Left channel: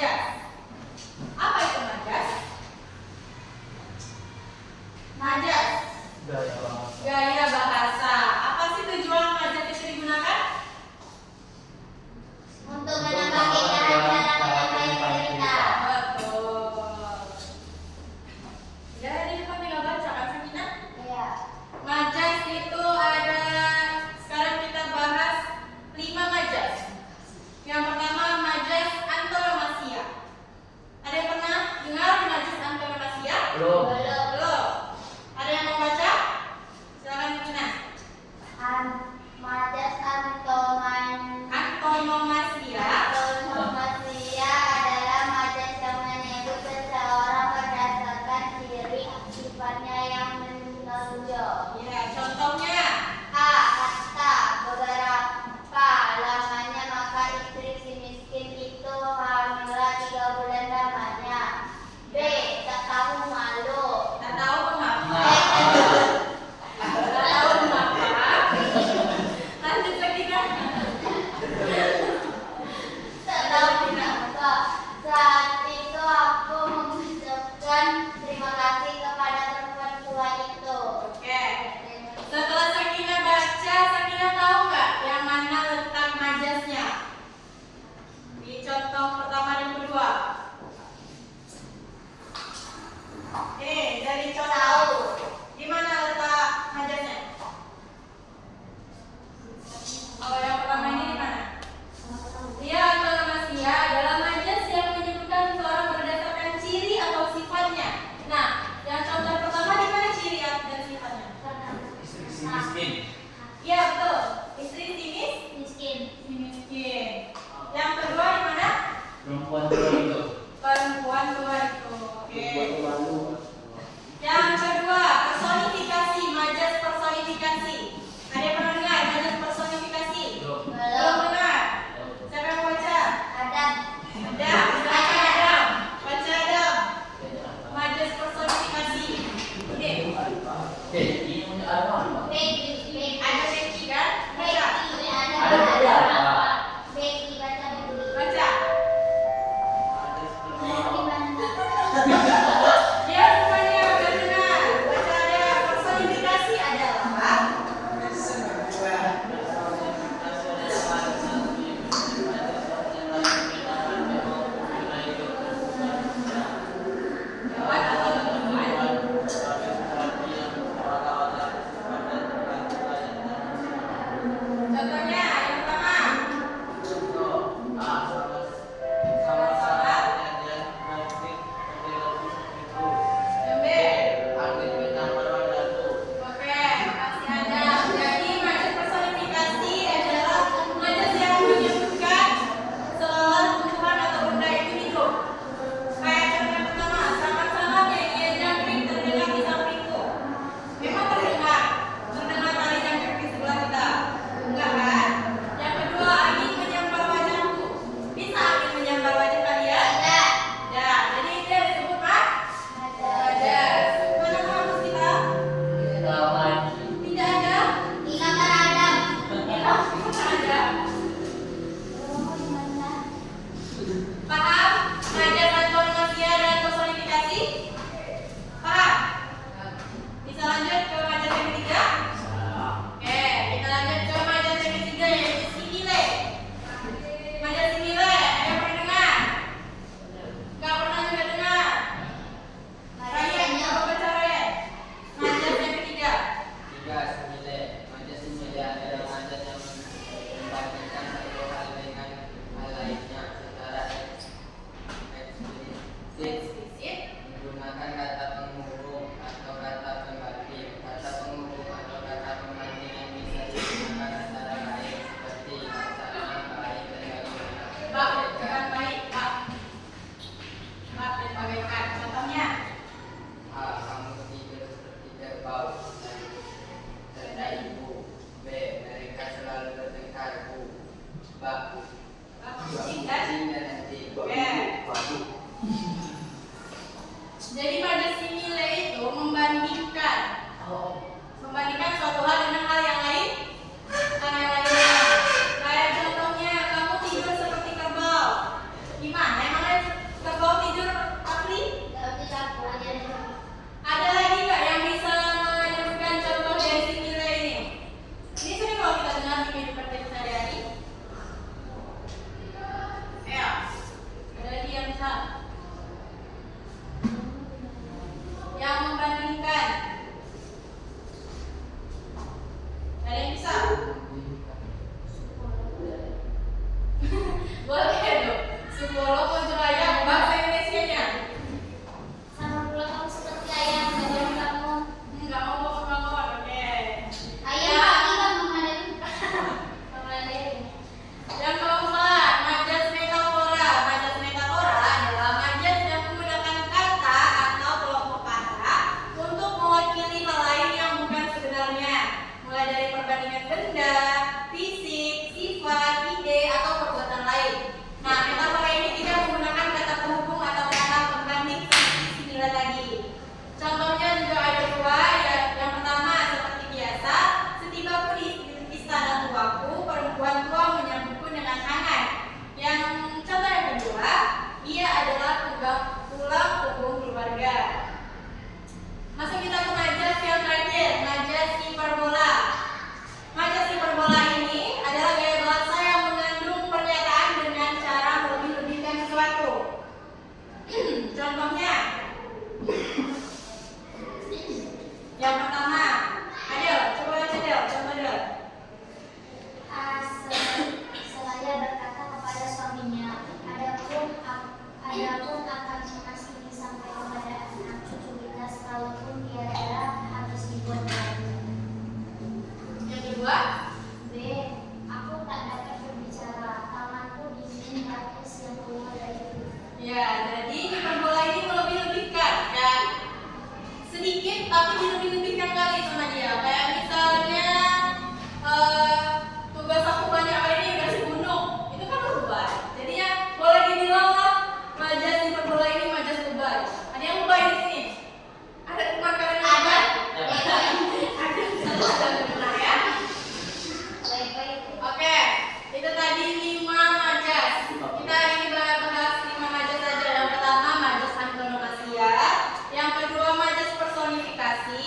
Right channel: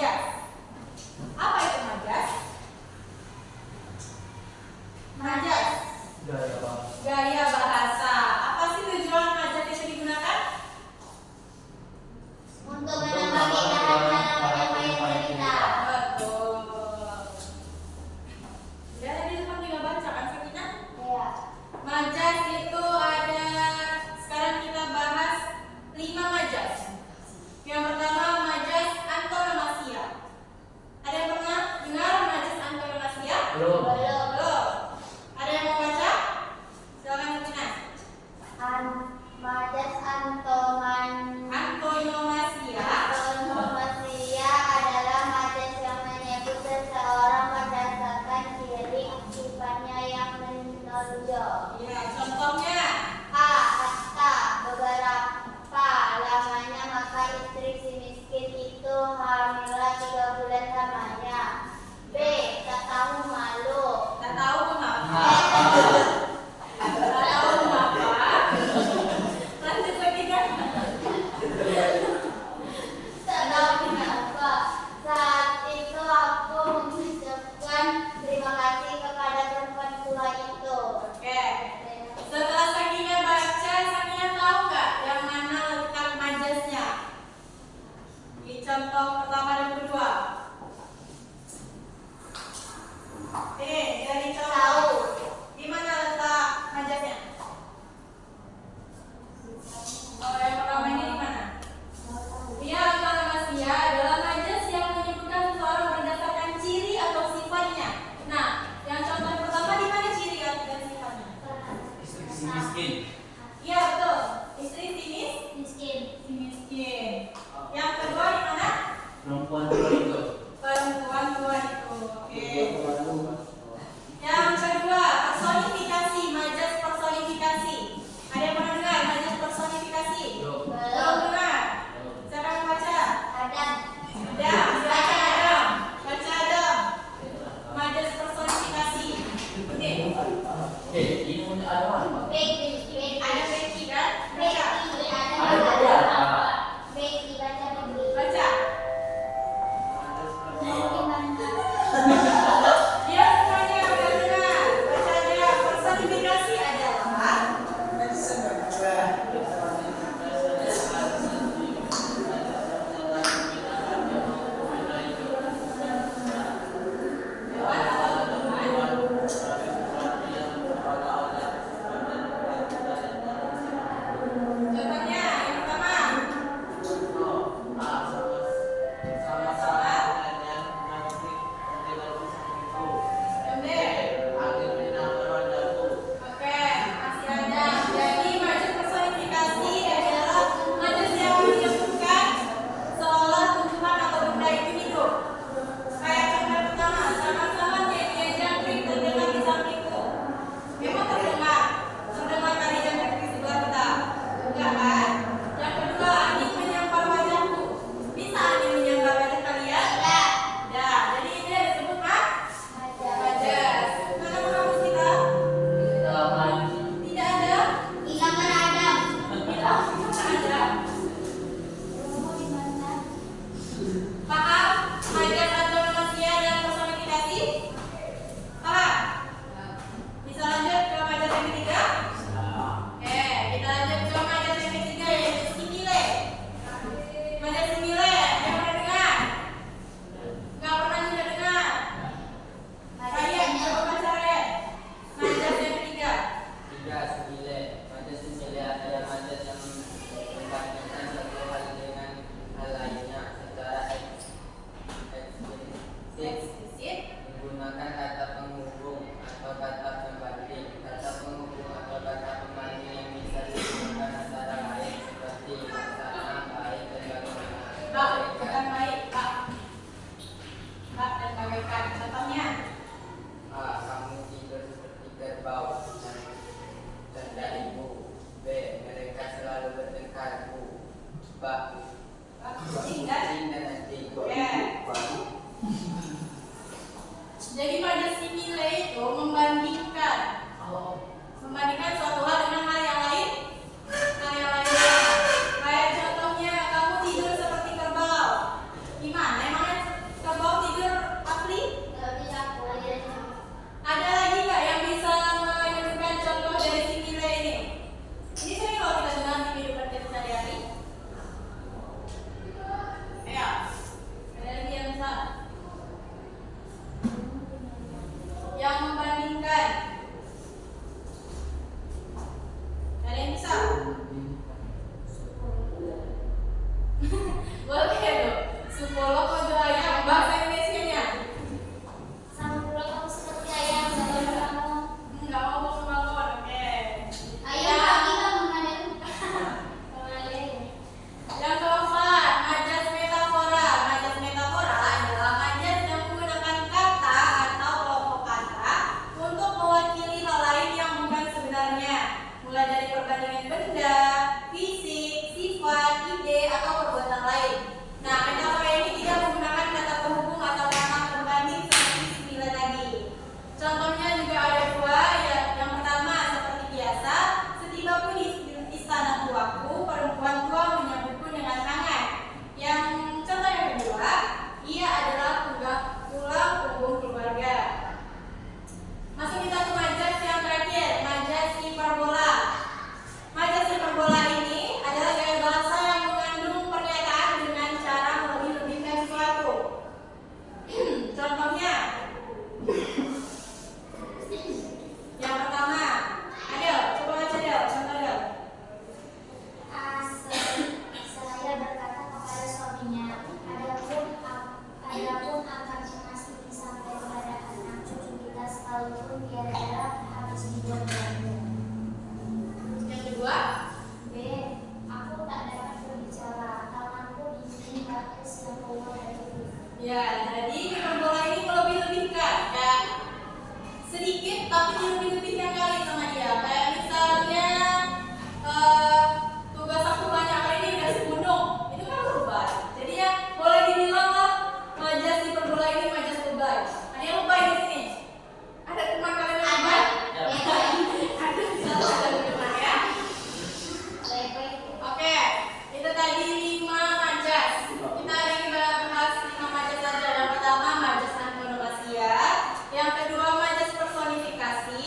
majas. Apa itu majas? Majas. Gaya bahasa. Apa sih tujuan majas itu digunakan? Untuk menambah cara-cara menyampaikan cerita. Betul. Ya, di depan tinggal baca kan Sakinah? Iya. Majas itu ada, sekarang kita bahas 5 majas. Yang pertama majas antonomasia. Ada yang pernah dengar majas antonomasia? Belum. Belum. Ada yang mau baca? Silakan Sakinah. Majas Antonomasia. antonomasia adalah majas yang menyebut seseorang berdasarkan ciri sifatnya yang menonjol. Ya, contohnya. A. Hatta. Beberapa lamanya maka istri si miskin itu hamillah 3 bulan lamanya. B. Tak tahu malu. Tak tahu mengapa. Tak tahu mengapa. Lanjut lagi kan? Tak tahu kenapa. Saat itu aku mengucapkan terima kasih kepada perempuan tua itu. Oke. Setelah Sakinah baca, Sakinah tahu nggak yang mana letak majasnya? Di contoh pertama dan kedua. Oke, dari contoh. Tahu. Di mana letak majasnya? Oh, yang pertama ini di mana? Dia antonomasia adalah majas yang menyebutkan seseorang berdasarkan ciri atau sifatnya. Nah, yang contoh pertama di mana ciri dan sifatnya? Istri si miskin. Iya betul. Istri Miskin. si miskin. Yang kedua di mana? Perempuan tua itu. Perempuan tua itu. Oke. Perempuan Yang kedua personifikasi, majas personifikasi. Ada yang pernah dengar majas personifikasi? Belum. Belum dengar. Siapa yang mau baca? Adam. Adam. Baca Adam. Baca Adam. Majas personifikasi. Oke. Ini punya apa? Becky. Ada Becky kan? Baca. Ada beberapa. Becky. Baca Becky. Baca. Gimana? Dia semuanya udah dengar. Baca dia. Personifikasi adalah lewat atau temuan. Contohnya yang pertama. Yang B. Oke, masih ada. Jadi majas personifikasi adalah majas yang menyebutkan seolah tumbuhan atau benda yang hidup. Kayak contoh pertama, sama-sama nyanyian jangkrik terdengar di sampingku. Memang terdengar tali jangkrik di sebelah kita. Enggak kan? Yang kedua, angin menyambar wajahku. Bisa angin menyambar wajah kalian? Tidak. Ya, jadi ini ada disebut majas. Mana kamus kita? Tidak ada. Ingatkan Adam. Ada. Paham? Majas antonomasia dan personifikasi? Paham? Bisa lanjut ke majas yang ketiga? Oke, kita lanjut ke majas yang ketiga yaitu simile. Majas simile, ada yang pernah dengar? Nggak pernah juga dengar? Kalian coba baca Ryan. Majas yang ketiga. Eksplisit. Menggunakan kata penghubung atau kata pembanding. Kata penghubung atau kata pembanding yang bisa digunakan antara lain seperti sama, baik, dan bagaimana. Bak, bukan baik, bak. Bak dan bagaikan. Contohnya? A. Kamu tidur seperti kerbau. Tanda ibu. B. Mereka selalu bertengkar. Bu. Bak. Bak kucing kan? Kucing dan anjing. Oke. Jadi majas simile itu membandingkan suatu hal dengan hal yang lain. Hal yang lainnya. Kayak contohnya kamu tidur seperti kerbau. Gimana emangnya Ya, jadi hiperbola ini melebih-lebihkan ya. Sedikit tapi dilebih-lebihkan kali sama dia. Kayak misalnya tugas aku banyak kali ini udah si gunung. Itu kan lebay. Jadi ya boleh dibilang lah majas hiperbola ini majas lebay. Ada yang lebay di sini? Ada teman kalian yang lebay? Ya. Ada salah satu teman ya. Baik-baik. Oke, itu tadi 5 majas. Kita hari ini bahas 5 majas saja. Yang pertama majas antonomasia, yang kedua majas personifikasi,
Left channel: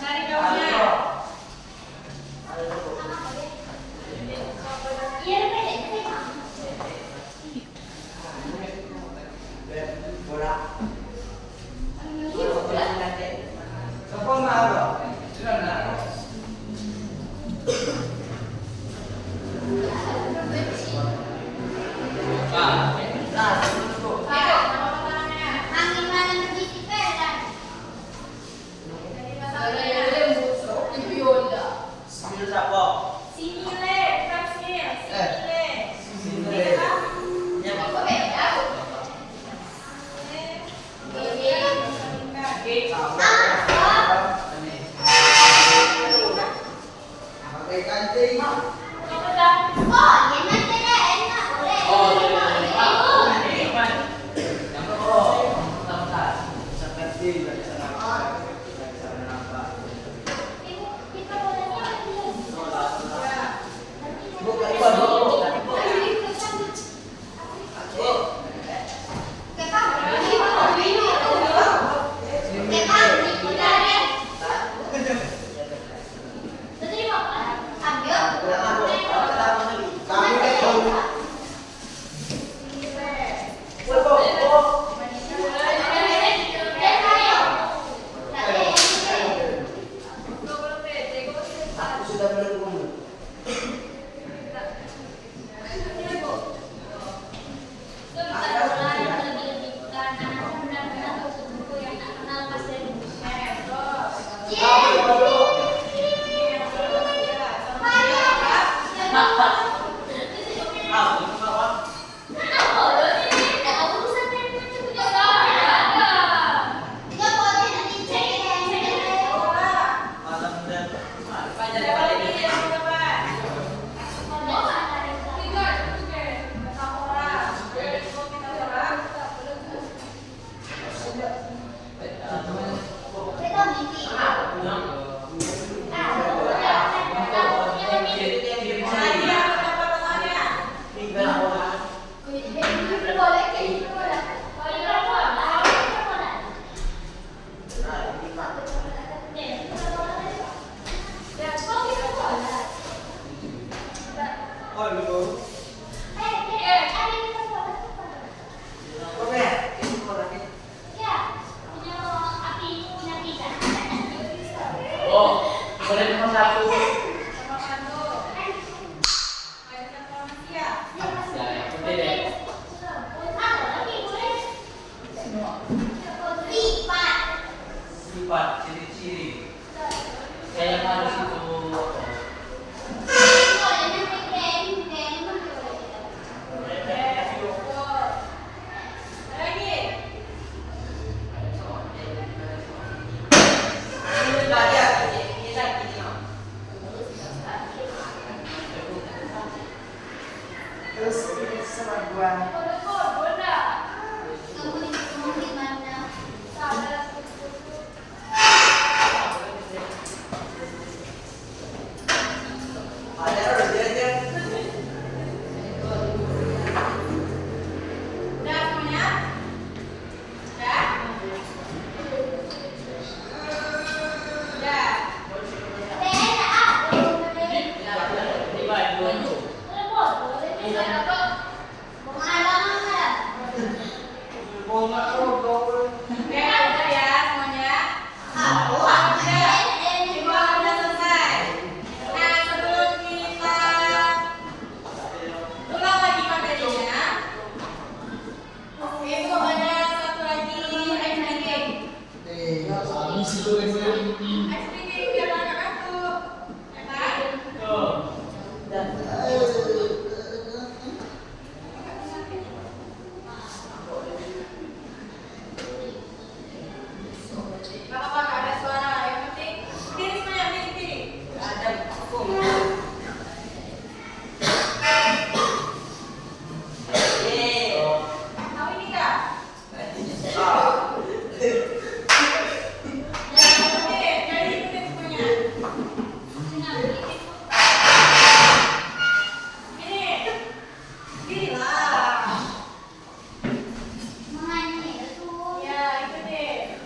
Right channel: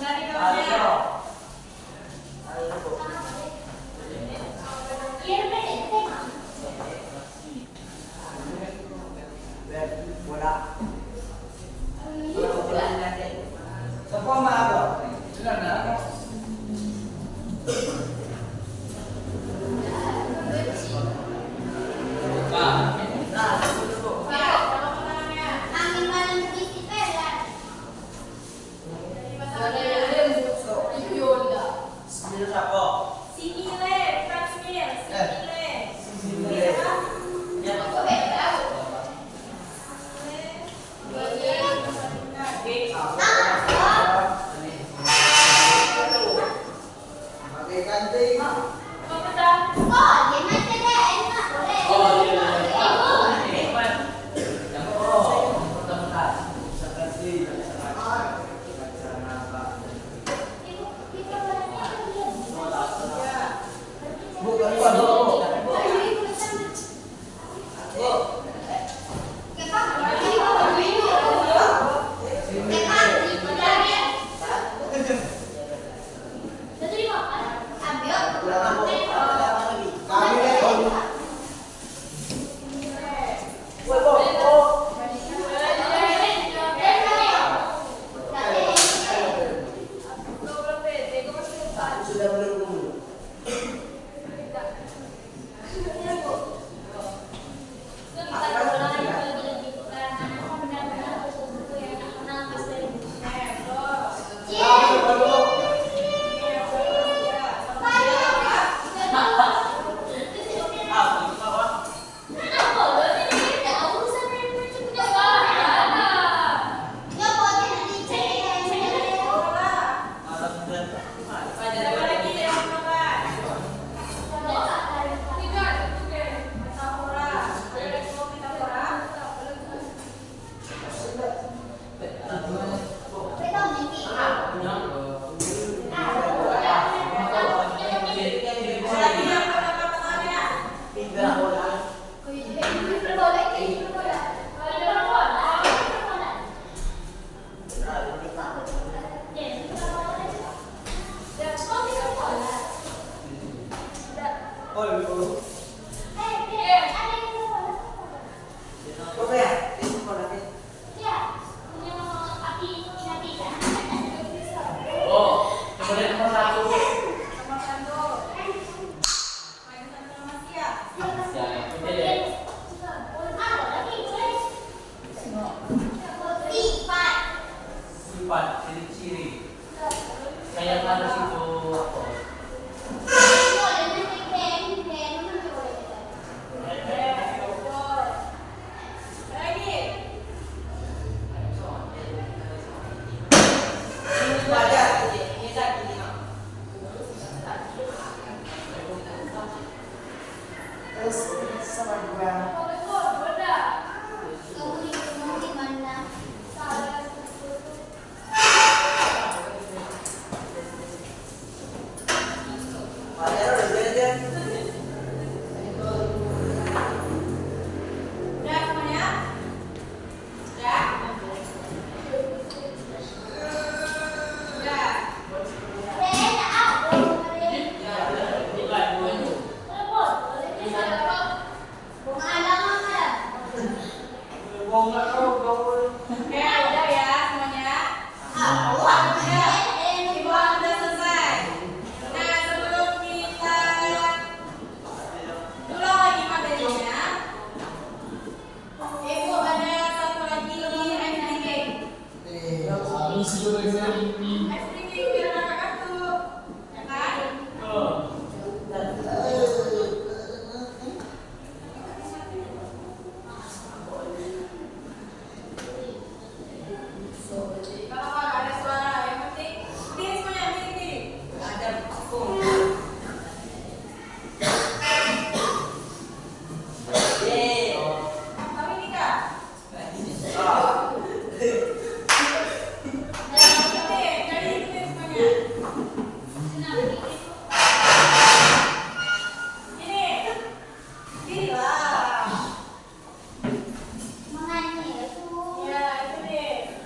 Cari gaunnya. Iya, beda. Angin mana begitu pelan. Simile, Prasmil, simile. Oh, dia nanti deh, enak boleh. Kita bolehnya belum? Sifat, ciri-ciri. Kayak harus itu. Udah semuanya? Udah? Udah. Oke, udah ya semuanya. Semua udah selesai. Nah, sebelum kita ulang lagi materinya, Ibu ada satu lagi ice drinking. Ice drinking biar kakak kantuk, ya kan? Gak apa-apa, gak ada suara. Yang penting berdiri semuanya, berdiri. Tahu ini kak? Dari semuanya. Ini lah. Ya, itu deh.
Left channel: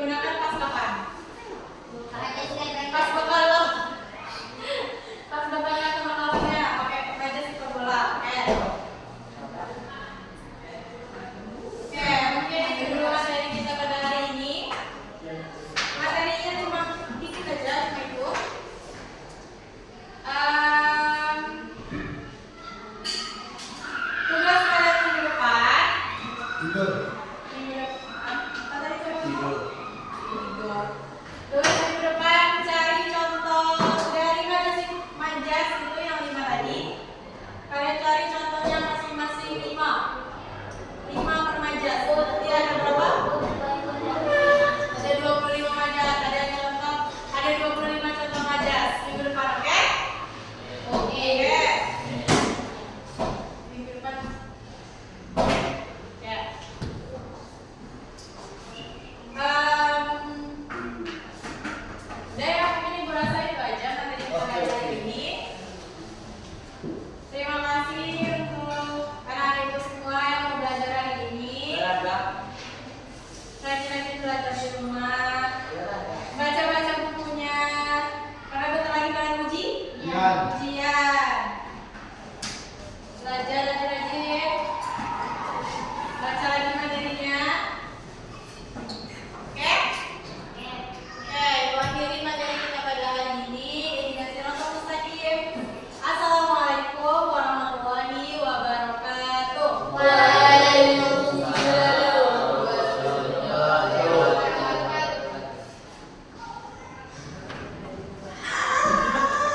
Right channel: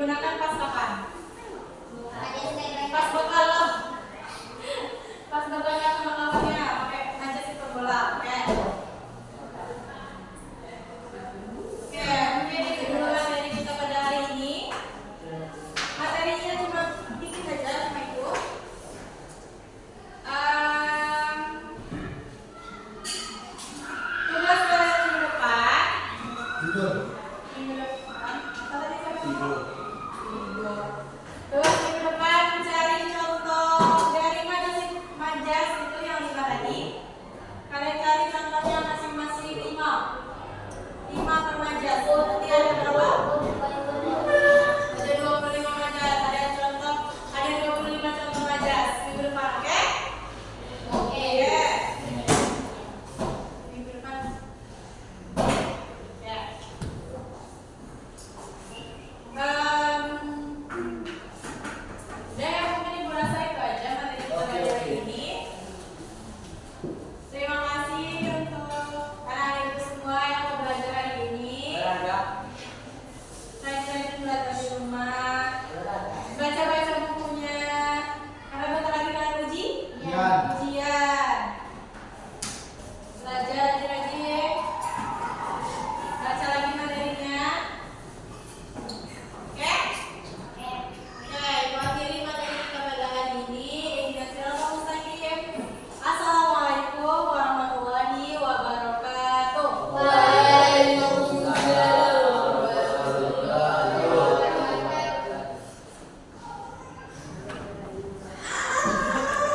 digunakan pas kapan? Hanya step by Pas step. bekal lo. Pas bekal atau makan